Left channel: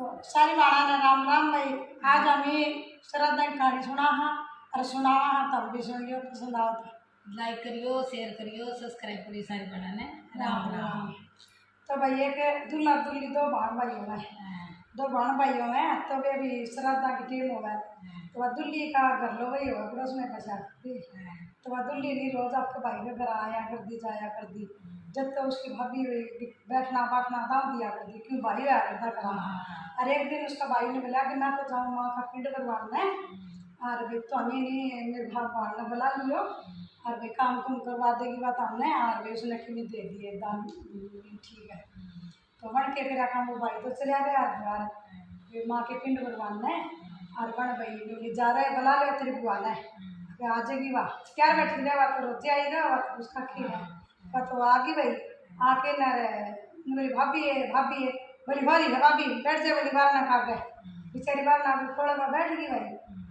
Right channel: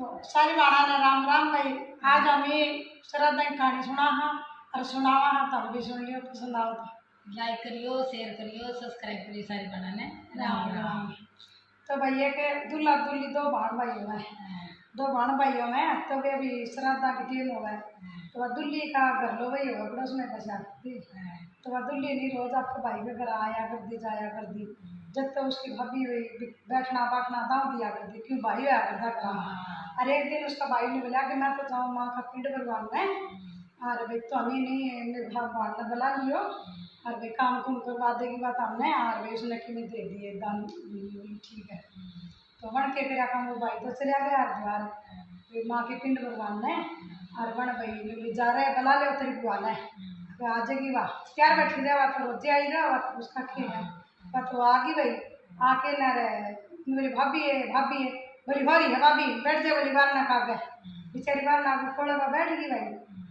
सारी बाणा ने राम राम भाई। आज हमें श्रद्धा की कहानी सुना हाँ और सुनावा हाँ, तब भी सुन लियो, पसंद आओ तो लाइक करियो, शेयर करियो, सब्सक्राइब करियो सारी बाणा ने। राम राम। तो भैया के दूल्हा दूल्ही दो भाण भाई हो गए, दो भाण भाइयों में तो वे भी श्रद्धा की टीम हो गए। तो वह दूल्ही का घर लो वही होगा पड़ोस में बचा करती। तो वह दूल्ही नहीं रोज आपके भाई के घर आया कर दी जाया कर दी, जब तो उसकी भाभी बैठना बैठना दाव दिया करती, क्यों भाई आया करता करा। और एक दिन उसका भाई ने बोला कि मैं तो जाऊँ माँ का पिंड करवाना है, और भाई तो हमें नहीं मेरे भगवान ने बुला लियो और भाई काम कुम करवा देगी बात हमने, और भाई उसने कि दे दिए दान, ठीक है। तो वन के फिर काम वो भाई तो चला गया द्वार माँ के पिंड भरवाना है, और वन भाई जा रहे बुला लिया तेरी बुआना है आ जाएगी। वाह क्या बैठी रहा, तो रोजे आई रहा, तो उसका खेल है वह तो आ गई भाई। आके न रहे मेरी भाभी है बोली भाई है भाभी बैठ जाए, बोली बार ना खा गए बेचारी बार ना खोड़ा में बैठ गई भाई।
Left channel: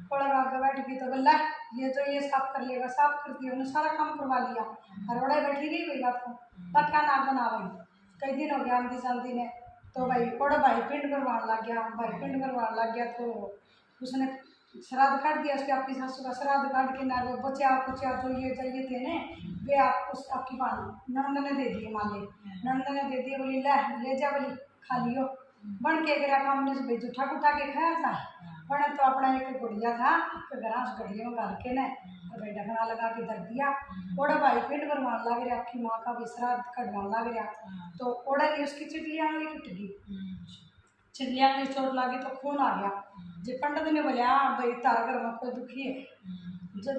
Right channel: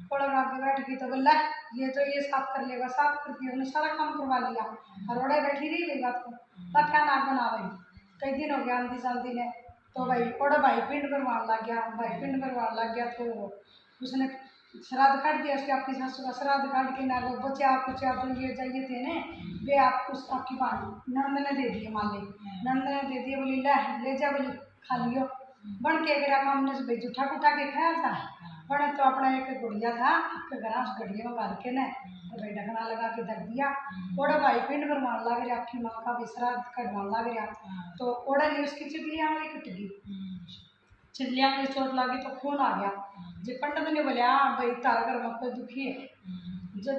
खोड़ा में बैठ गई तो बोला ये तो ये साफ कर लेगा, साफ कर दिया उन्हें सारा काम करवा लिया, और ओड़े बैठी रही भाई बात को बात का नाम बना भाई। कई दिन हो गया आंधी शांति ने, तो भाई ओड़ा भाई पिंड करवाने लग गया, भाई पिंड करवाने लग गया। तो उसने श्राद्ध काट दिया, उसकी आपकी सासू का श्राद्ध काट के ना वो बचा कुछ तो ये चाहिए थे ने वे आप उस आपकी पानी नंद ने दे दिए, मान ली नंद ने दे दिए, बोली ले जा बोली खा लियो। बन के अगर काम ने भाई जूठा कुठा के खाया था, बने तो अपना एक गुड़िया था आपके घर, उस गड़िया में गाल के ने भाई ढकना लगा के धर दिया। ओड़ा भाई पिंड भरवान लग रहा, आपकी माँ का भी श्राद्ध कटवान लग रहा, तो ओड़ा ने उसकी चिड़िया वाली कट गई, चिड़िया में चोट लगी तो खून आ गया। जो पंडित ने बोला भाई तारा घर में कोई दुखी है, जब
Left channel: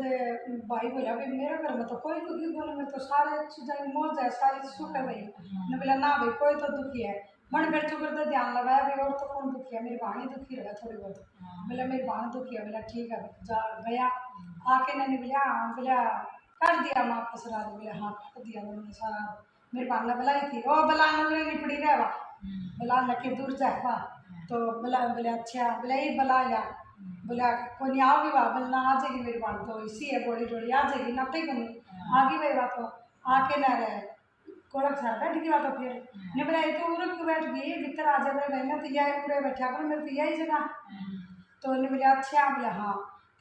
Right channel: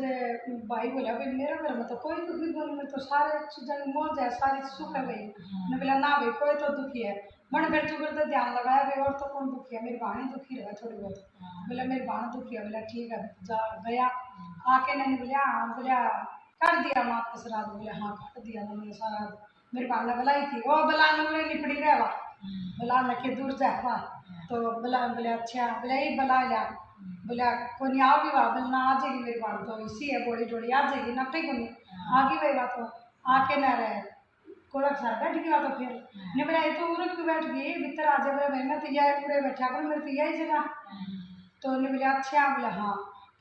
भाई बोला भाई मेरे घर में तो कोई दुखी बोले, में तो सारे चीज़ें मौज है, सारी सुख है भाई। ने बोला ना भाई कोई तो दुखी है। मन फिर चुकर तो ध्यान लगाया भाई और तो कौन दुखी है, मेरी बहन ही दुखी रहा थोड़ी बहुत। बोला मेरी बहन दुखी है, बोला ठीक है जा गया। आके मैंने बोला कर दिया माँ का श्राद्ध, बोले हाँ कर दिया मैंने श्राद्ध। मेरी बहन ने बुलाई थी वो बुला में निपड़ी रहा बोला न के दूर जा, तो बोला अच्छा बोला ये बुला लिया, बोला कोई नहीं आओगी वाह, बोलना आ जाएगी मेरी बात तो इसी है बोली जोड़ी आ जाएगी ना कहीं नहीं आ गई भाई बात। तो आके न रहे कोड़क सार बैठ गई बात, तो फिर ने बोला ये तो उर्द क्यों बैठ गई भीतर आ जाए, बोले मैं तो यह पूरे बैठा कर मेरे तो यही जगह। तो उन्हें बोला अच्छा, बोला हाँ।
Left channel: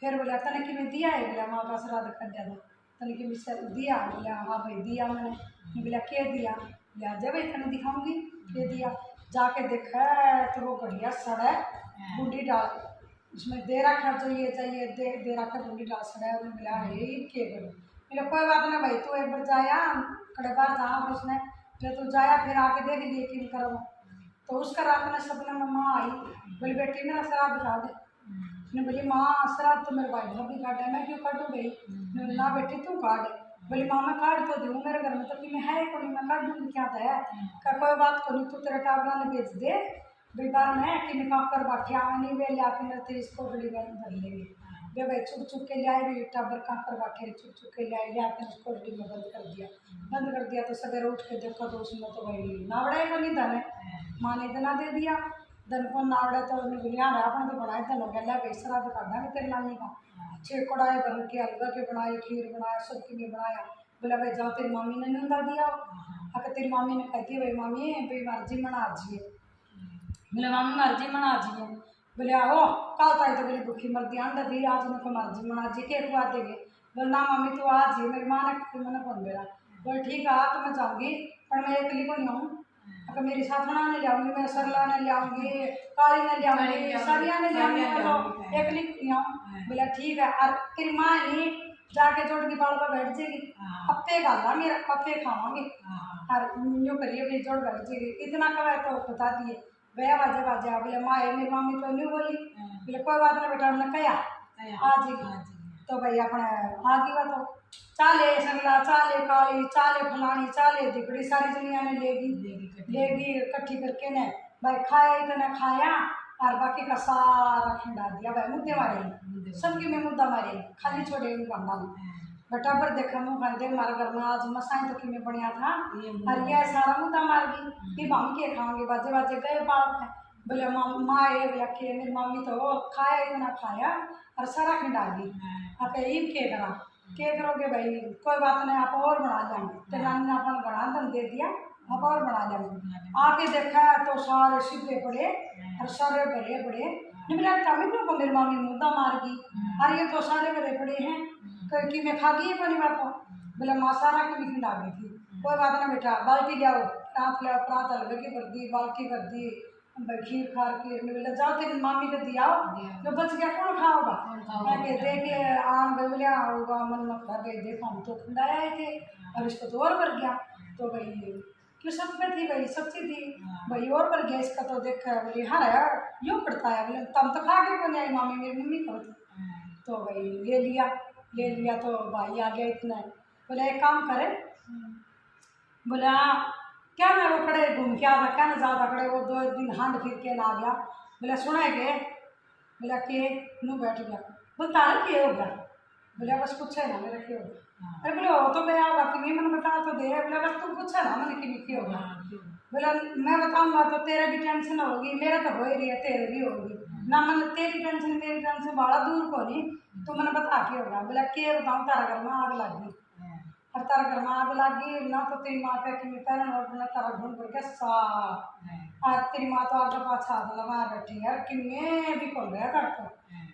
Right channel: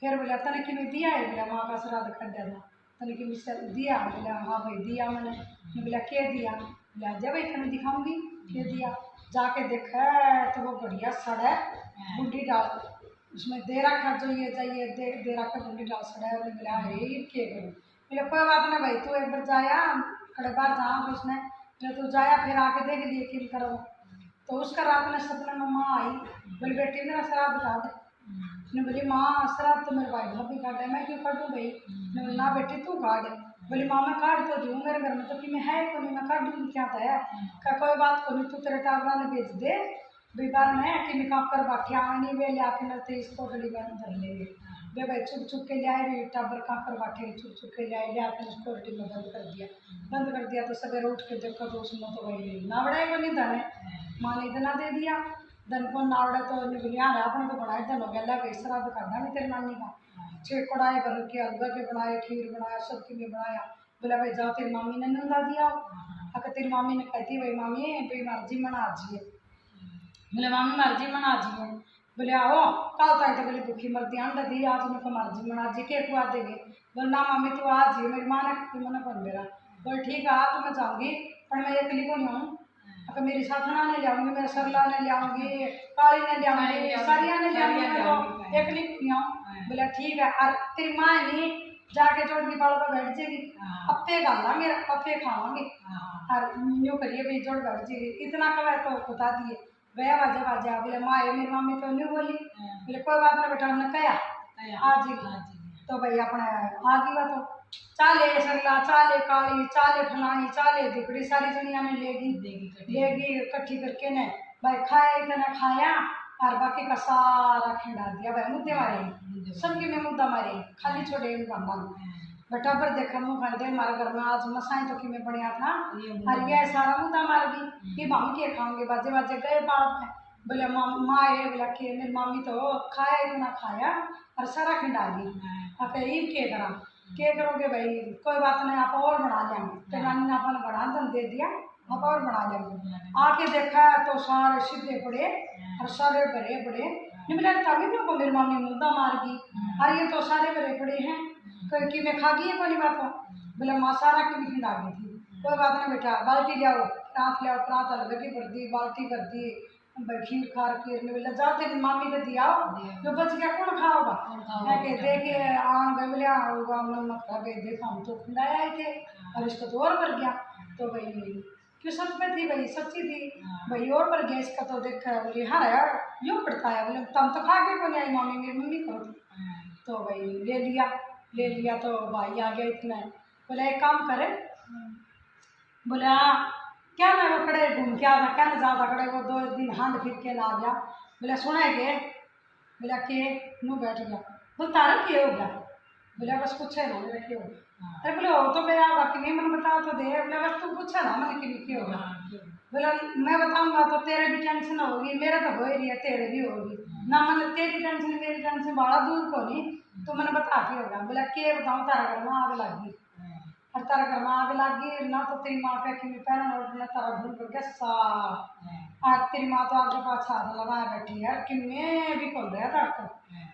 फिर बोला तने कि मैं दिया है, बोला माँ का श्राद्ध कर दिया था तने कि मुझसे दिया, बोला हाँ भाई दिया मैंने। बोला क्या दिया, बोला जब भाई तने दिखाऊंगी क्या दिया। जाके देखा तो वो बढ़िया सड़ा बूढ़ी डाल उसमें दे रखा जो ये चाहिए दे रखा बूढ़ी डाल सड़ा है। उन्हें मिला ये क्या करूँ, मेरा कोई बात ना भाई तू एक बार जाया कड़े बार जहाँ उसने जो तू जाया फिर आके देख लिए कि करो। तो उसका रात में सपने में माँ आई, बोली बेटी मेरा श्राद्ध काट दे। उसने बोली माँ श्राद्ध तो मेरे भाई भाभी काटे, मैं क्यों काटूँ भाई। मैं बोली ना बेटी तू काट। बोली माँ मैं काट तो दूँ मेरे घर में तो कि मैं है को नहीं, मैं काट दूँगी क्या था क्या कोई बात को नहीं, तू तेरे टाबरा ने भेज दे बेकार में कि मैं कर बाठी आने वे ले आके मेरे तेईस को गली भर लेंगे। वे भाई चुप चुप के लियाए भी टाबर काकर बाटे चुप चुप के लियाए ले आके उसको गली में बंद कर दिया। तो सवेरे उठ के देखो तो उसमें तो वही नावड़ा को नहीं धन माँ ने इतना दे दिया धन को नावड़ा। तो बोलिया आपने तो बनाए धन हो गया ला भाई श्राद्ध कर देंगे तेरे नानी का, छः कढ़ाई भर के हलवा के बनाए खीर बनाया सब की बनाया। बोला भाई जाओ तेरी मामी ने नंदा दिया, अगर तेरी मामी ने कहती भाई मामी भाई मर्जी मना आजिए, बोले मामी मर्जी मना आजिए। बोले आओ कल ताई तो बोली भूखी मरती अंडा दी आज उनको मर्जी मना जी के खुआ देंगे। बोले ना मामी तू आ जी, मेरी माँ ने मैंने कौन मेरा। बोले ठीक है तो मैं जाऊँगी पर मैं अकेली को नहीं आऊँ, अगर मेरी साथना ने ले आऊँगी मेरे सरला ने ले आऊँगी काली ने ले आऊँगी सरिया ने ले आऊँगी, मैं तो अकेली नहीं आऊँ। बोला ठीक है और तेरी माँ नहीं जाके जोड़ की बाल पर बैठ जाएगी अप्पे गाला मेरा अप्पे खावांगे और यूँ करिए भाई जोड़ बैठ जाएगी। इतना कवे तो बता दिए गया बाजा बाजा। बोले माँ मेरी मम्मी तो नहीं बोली, बोले कोई बात ना बेटा उन्हें कया आ जाएगी। तो भाई अपने आ गई बात तो चाले सरला चाले काली चाले फलानी चाले दुकड़ी सारी दुनिया ने लेगी इकट्ठी करके ने भाई खाया इतना खाया और बाकी का सारा खिंडा दिया भाई मुद्दे मारे सबकी में मुद्दा मारे खाली छोड़े बेटा पर देखा मुँह कहते हमारे घर में आज मसाई तो कि में बढ़िया था और ये सारा मुद्दा मार गई कि हम क्या खाओगे बाजे बाजे गए बाप है। बोले माँ ये बोला कि मेरी मम्मी तो खाया इतना खाया और सारा खिंडा दी अके ये क्या करोगे भाई कोई बात नहीं आप और बना लेंगे। तो नानी ने अपन बना दन दे दिया आप और बना लेंगे। आके देखा तो सारे सीधे पड़े और सारे भरे पड़े। नहीं मिला तभी को मेरी मम्मी मुद्दा मार गई, और ये तो सारे भरे पड़े हैं कि मैं खा गई है कोई बात। बोले माँ सारा की भी खिला गई थी। कोई बात ना बेटा, बाल्टी ले आओ, प्रात ले आओ, प्रात हलवे की भर दी, बाल्टी भर दी, खीर खार खीर में बोले जाओ तेरी मामी को दिया जो बच गया कौन खाओगा। मैं दे के आन गए बोले होगा मन मत खा गए, देखा हम तो खिलाए आए थे और इसको तो और भर गया। तो भाई क्यों सच में थी भाई, सच्ची थी भाई, और भर गया इसका तो देखा। बोले हाँ यार यूँ पड़ता है। बोले तब तो खा के कौन आई मामी, मेरी मम्मी को थी। तो भाई ले लिया तो भाई आ गया इतना। बोले एक काम करे, बोले हाँ क्या ना वो खड़े घूम के आता, क्या ना ज़्यादा खड़े वो 2 दिन हांड फिर के ना आ गया। बोले सुने के, बोला के नू बैठ गया। बोले तारा क्या हो गया। बोले बस कुछ है ना मेरा क्या हो गया। अरे बोले हो तो गया बाकी नहीं मैंने बता तो दे। बोले बस तुम पूछा ना मैंने कि क्या हो गया। बोले मैं बताऊंगा तो तेरे भी टेंशन होगी, मेरा तो हो ही रही है, तेरे भी होगी ना। मैंने तेरी टेंशन मेरी टेंशन बड़ा दूर को नहीं, तो मैंने बता के होगा। बोला के बताऊँ, तारा घर में आग लग गई और तारा घर में आग लग गई ना, तो तेरी माँ कह कि मैं पहले नोट में तारा ढूंढ करके सा आज तेरी माँ तो आगे पाछा हाथ लगा बैठी यार कि मैं भी खोल रहा था।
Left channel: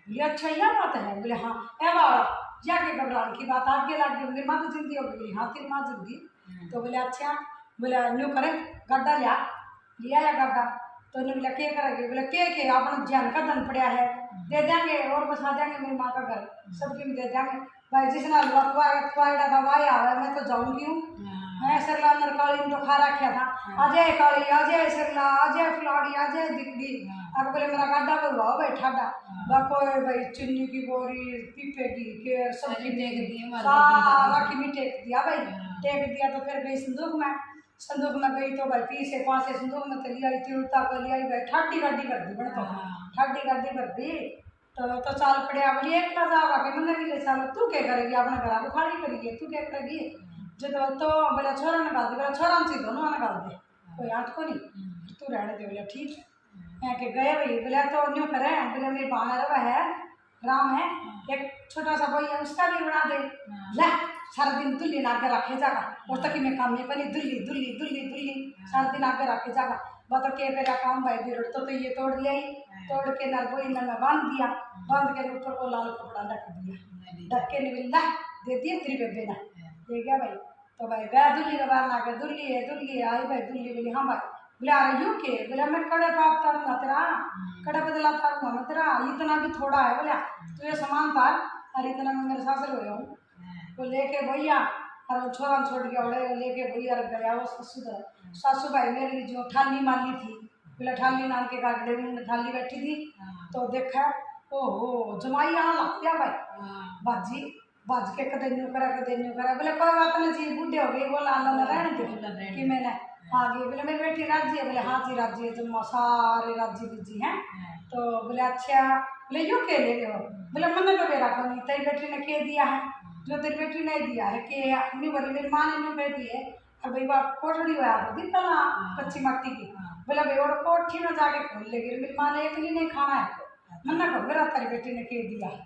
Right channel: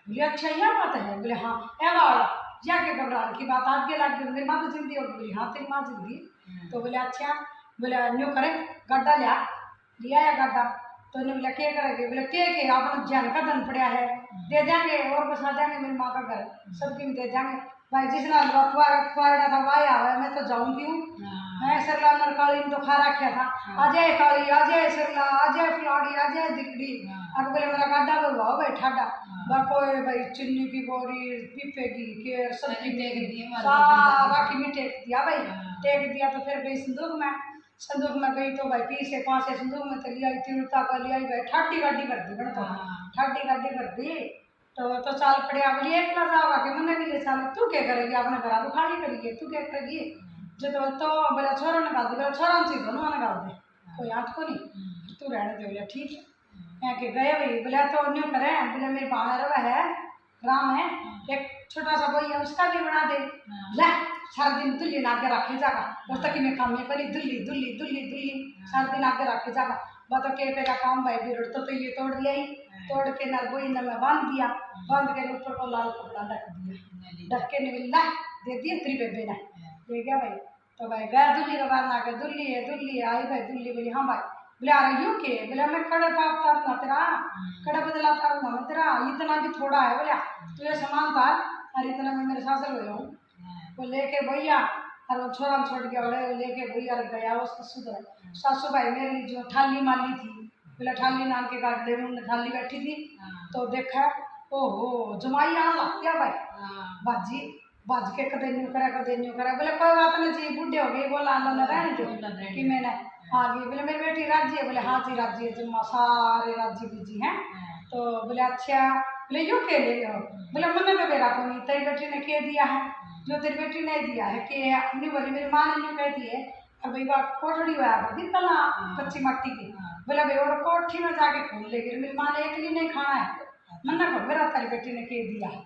बोले अच्छा यह बात है। बोले हाँ ए बाबा जाके घबराने की बात आगे लग गई, मेरी माँ तो जिंदी होगी। बोली हाँ तेरी माँ जिंदी। तो बोले अच्छा, बोले न्यू करे गड्ढा लिया या गड्ढा। तो उन्हें बोला क्या करेंगे। बोले के आपने जान का धन पड़ा है दे देंगे और बसा देंगे मेरी माँ का घर सबकी में दे देंगे। भाई जिसने हलवा खुआड़ा था वाया हुआ है, मैं तो जाऊँगी हूँ। मैं सरला नरकाली में तो खा रखा था, अजय काली अजय सरला अजय फुलाड़ी अजय दिगड़ी। अब बोले मेरा गाड्डा भरवाओ भाई ठाडा कोई भाई चुन्नी की बोरी पीपे की केर सबकी सारा की भी टेक दिया भाई। टेक दिया तो फिर गई संदूक में गई तो भाई 3 से 5 संदूक में चली आई, तिरुता को लिया भाई ठाडी गाड़ी कर दी बन तो ठाडी गाड़ी कर दी। तो चाल पड़े बोली एक ना जाओगा कि मैंने भी ले चाल तू क्या करेगी अपने घर को खाली करेगी तू क्या करेगी। जो तो बोला छोरा निकाल दे, बोला छोरा से दोनों निकाल दे कोई आठ को नहीं तू रहने दे। बोला ठीक है कि गए भाई। बोला तो न्यू करे। बोले मेरी बानर है राम है एक छोटा सा बोई है उसका भी बना दे। ले सारा दिन दुल्ली आगे रखे जागा उस तक मैं काम नहीं करी दुल्ली दुल्ली दुल्ली दुल्ली सारा दिन आगे रखे जागा। बता क्या काम भाई बिरड़ तो ये तोड़ दिया ही, तोड़ के ना बोई ना मैं बांध दिया, बांध के ऊपर को लाल कपड़ा ढक दिया, ढक के नहीं ला दे दिए तेरी बेबे ने दे गया भाई। तो भाई गया दुल्ली का बाहर ना कर दुल्ली है आई भाई दुल्ली बोली हाँ भाई। बोले आ रही हूँ के। बोले मैं कड़े पाप तारूंगा तेरा कड़े बदला तारूंगा मैं तेरा, इतना भी थोड़ा है। बोला तू ये सामान तार और इतना मैं मेरे सासर हो जाऊँ। वो लेके भैया और वो छोरा छोड़ के उड़े लेके भैया गया वो सासू भाई मेरी जो ठाली माली थी। बोले ठाली नाम के गाड़े में ठाली बैठी थी तो देखा ओहो जमाई आना लग गया भाई बाजी बाज के कदे न्यू करा बोले कोई बात नहीं जी बूढ़े हो गए बोला अल्लाह ने रहने दे कि मैंने हाँ जी। बोले मेरी बेटी राजी है। बोले हाँ जी राजी है जम्मा सारे राजी बीजी हैं। तो बोले अच्छा बोले यूँ के ले लो। बोले मैंने तो मेरा को नहीं तेरी बेटी ने के दिया है जो तेरी बेटी ने दिया है कि नहीं। बोली मेरी माँ ने यूँ कह दी है और भाई बात कोठड़ी हुआ दी कल कच्ची मट्टी की। बोला भाई और कोठी में जाके खोल लेगी मेरी माँ ने एक नहीं खाना है मन्ना को मेरा तेरी बेटी ने के दिया है।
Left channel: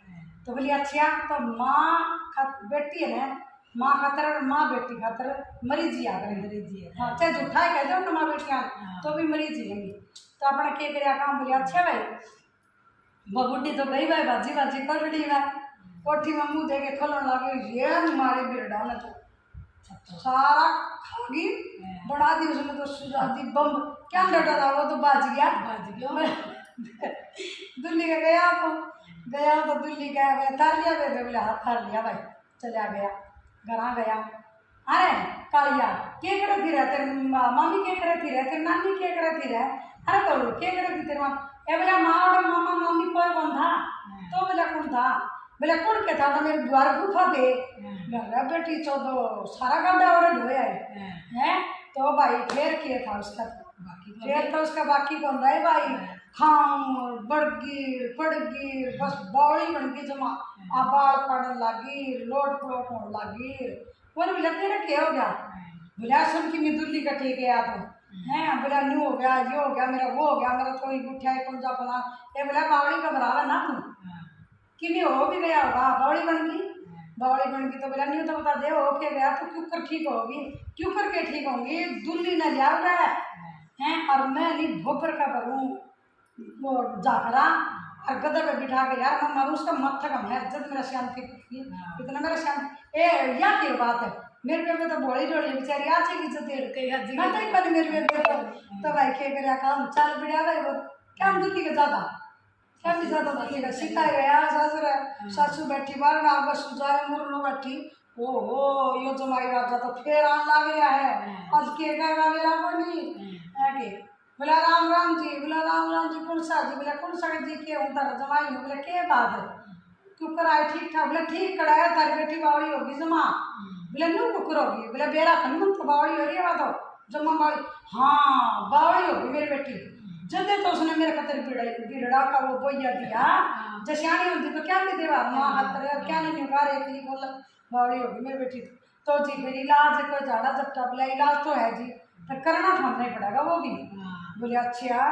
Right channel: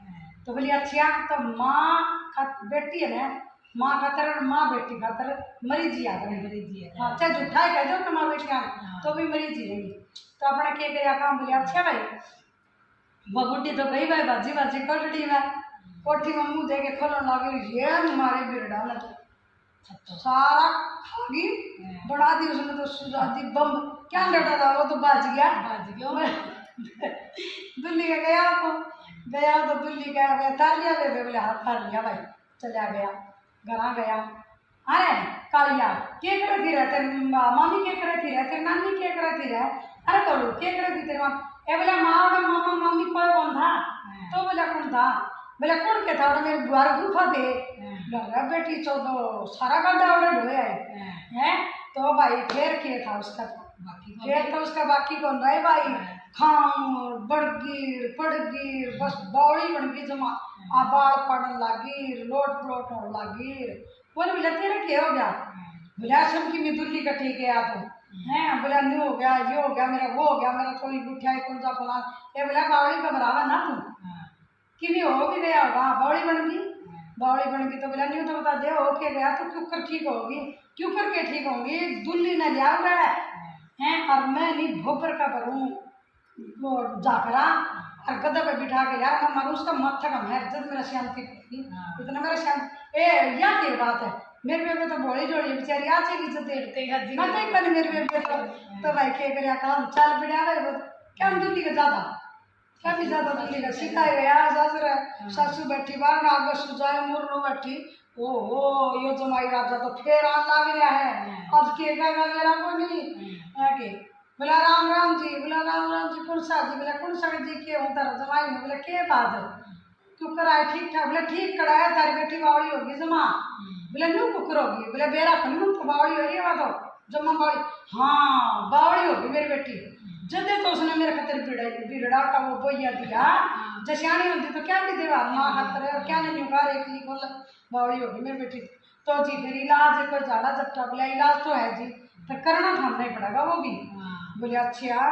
तो बोली अच्छा तो माँ बेटी है ना माँ खातर माँ बेटी खातर मरी जी आकर हाँ चाहे झूठा है कह दो तो माँ बेटियाँ तो भी मरी जी लेंगी। तो अपने के गया काम। बोले अच्छा भाई बबूटी तो गई भाई बाजी बाजी कोठड़ी में कोठी में मुँह दे के खोलने लगे ये मारे बिरड़ा ने तो सारा खा गई बढ़ा दी उसने तो सुजादी बम क्या डटा था वो तो बाज गया दुल्ली के गया तो दुल्ली गया तार लिया बेबे। बोले हाँ तार लिया भाई चला गया घर गया। अरे कालिया क्या करे थी रहे तेरे मामी क्या करे थी रहे तेरे नानी क्या करे थी रहे। अरे तो क्या करे थी तेरे माँ ए बोला माँ और मामा मम्मी कोई कौन था। तो बोला कौन था। बोला कौन क्या था मेरे द्वार गुफा दे बेटी चौदो सारा गाड़ा वाड़ा ढोया है। तो भाई फिर क्या था उसका फिर तो उसका बाकी कौन रहे भाई खाऊर बड़गीर पड़गीर बस बौड़ी बन गई जमा आबाड़ पड़न लगी लोट पलोट होने लगी। बोले बोला तेरा क्या हो गया। बोला सब की मैं दुल्ली का ठीक है आप हैं। बोला न्यू हो गया ये हो गया मेरा वो हो गया मेरा कोई गुठिया कौन सा फलान। ये बोला बावड़ी का बराबर ना तू कि नहीं हो भी गया होगा बावड़ी बन गई बावली बन गई तो बोला नहीं तो बता दे हो के गया तो क्यों कर ठीक होगी, क्यों करके ठीक होगी, दुल्ली ने लिया रहा है और मैं नहीं भोपर का करूँ वो जाकरा और गद्दे पे बिठा के यार मैं मारूँ उसका मत्था कम है जब मेरा शांति इतना मेरा शांति या की बात है मेरे बेबे तो बोली जोड़ी बेचारी आ चली इज्जत मैं तो बनी मेरे बेबे तो भाई के कर काम चल बिड़ा गए वो क्या दुल्ली का ज़्यादा क्या भी ज़्यादा दुल्ली का सिखाई गया ससुर सासू बैठी बाहर आगे सुजाए मुर्रू बैठी ओहो यो जमाई राजा तो फिर आन लग गया है आज के कहेगा मेरा को नहीं है के बोला राम राम जी, बोला राम राम जी कौन सा जी, बोला कौन सा जी के हूँ तारा जमाई हूँ, बोला के बात है क्यों कराए ठीक ठाक, बोला ठीक कराया तारी बेटी बावली होगी जमा, बोला न्यू कुकर होगी, बोला बेरा खन मन तो बावली हो रही है तो जमा बावली हाँ बावली होगी मेरी बेटी जल्दी तो उसने मेरे खतर बिगड़ा का वो बोया दिया जैसे होती तो क्या भी देवा माँ खतर और क्या नहीं होगा एक बोला बावली होगी मेरी बेटी तो जी फिर इलाज कोई झाड़ा झपटा, बोला इलाज तो है जी पर करना तो हमने पड़ेगा वो भी, बोले अच्छा,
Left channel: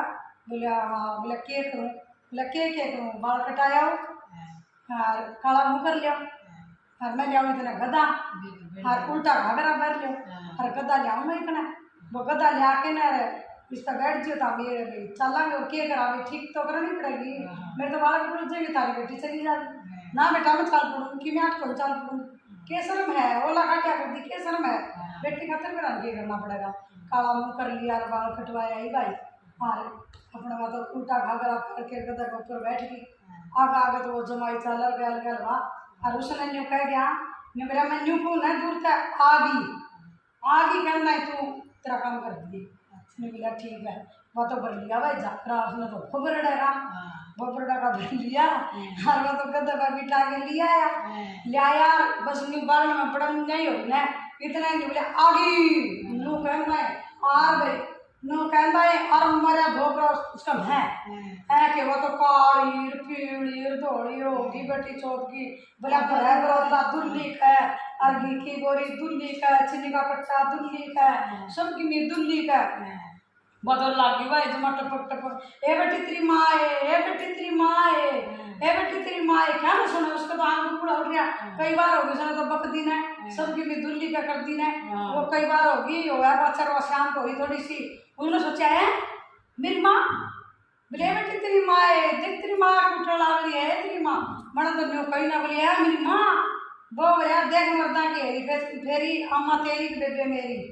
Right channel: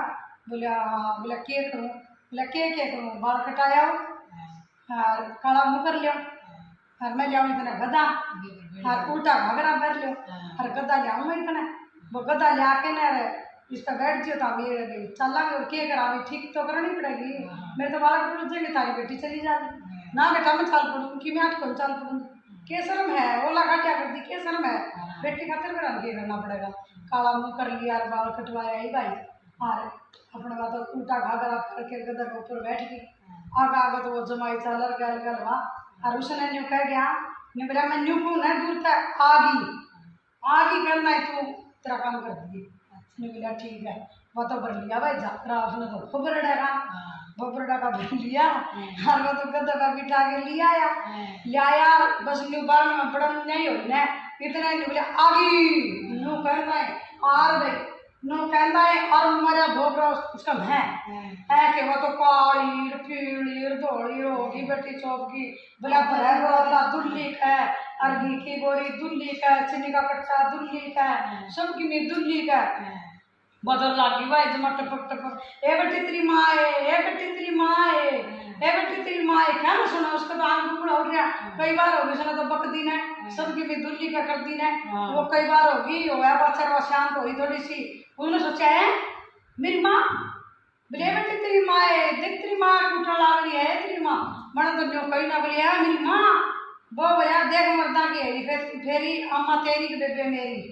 बोला हाँ, बोला के करूँ, बोला के करूँ, बाल कटाया और काला मुँह कर लिया और मैं लिया इतना गधा और उल्टा घाघरा भर लिया और गधा लियाऊँ मैं इतना वो गधा लिया के ना इस पर बैठ जाओ तो मेरे चलेंगे और के करा ठीक तो करनी पड़ेगी मेरे तो बालक पड़ जाएंगे तारी बेटी चली जाएगी ना बेटा मैं चाल पड़ूंगी कि मैं आठ को चाल पड़ूंगी के शर्म है ओला का क्या करती के शर्म है बेटी खातिर मेरा ये करना पड़ेगा काला मुँह कर लिया और बाल कटवाया ही भाई और अपने मतलब उल्टा घाघरा करके गदर के ऊपर बैठ गई आगे आगे तो वो जमाई चल गल गल वाह और उसने न्यू कह गया मेरा मैं न्यू को न दूर तक आगी करना है तू तेरा काम कर दिए उसने बोला ठीक है वो तो भर लिया भाई जाकरा उसने तो भोबरडा का भर लिया और वो तो गद्दे पर बिठा के लिया बस न्यू बाल में बड़ा नहीं हो ना इतना नहीं बोले आगी न्यू कहना है और भाई नो कहता है और मरा भोगरा उसका है कि वो तो काली पीली धोली होगी बेटी चौप की बोला भरा दुल्ली का और घी की बोरी दुल्ली का चीनी का कट्टा दुल्ली का सबकी में दुल्ली का बदल लगी भाई जमा टपक टपक ए बेटी तेरी माँ है ए बेटी तेरी माँ है ए बेटी तेरी माँ है क्या ना सुना उसका तो आम टुकड़ा हो गया कई बार होगी सुना तो बक दिन है सबकी भी दुल्ली का कर दिन है वो कई बार होगी हो गया बच्चा वो शांत होगी थोड़ी सी उन्होंने सोचा है मेरी माँ बोले बेटी तेरी माँ है देख तेरी माँ टूटने लग रही है तेरी माँ मैंने तो न्यू कही ना बोली है मेरी माँ वो भैया देख मरदा की फेरी अम्मा तेरी बेबे मेरी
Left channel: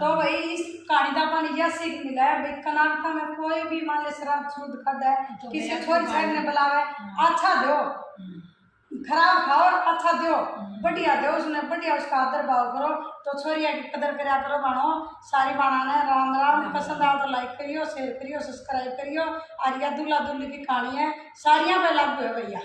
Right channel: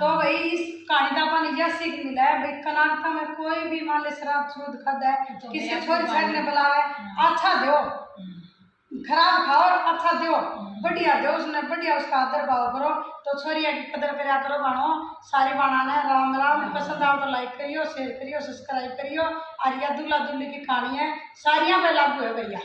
तो भाई इस कहानी का अपन यह सीख मिला है भाई कनाकता में कोई भी मान ले शराब छूद खद है किसी छोरी साइड ने बुलावे अच्छा दो खराब खाओ अच्छा दो बढ़िया दो उसने बढ़िया उसका आदर भाव करो तो छोरिया की कदर करा करो बानो सारी बाना ने राम राम पसंद आओ तो लाइक करियो शेयर करियो सब्सक्राइब करियो और यह दूल्हा दुल्ली की कहानी है सारियां पे लागू है भैया।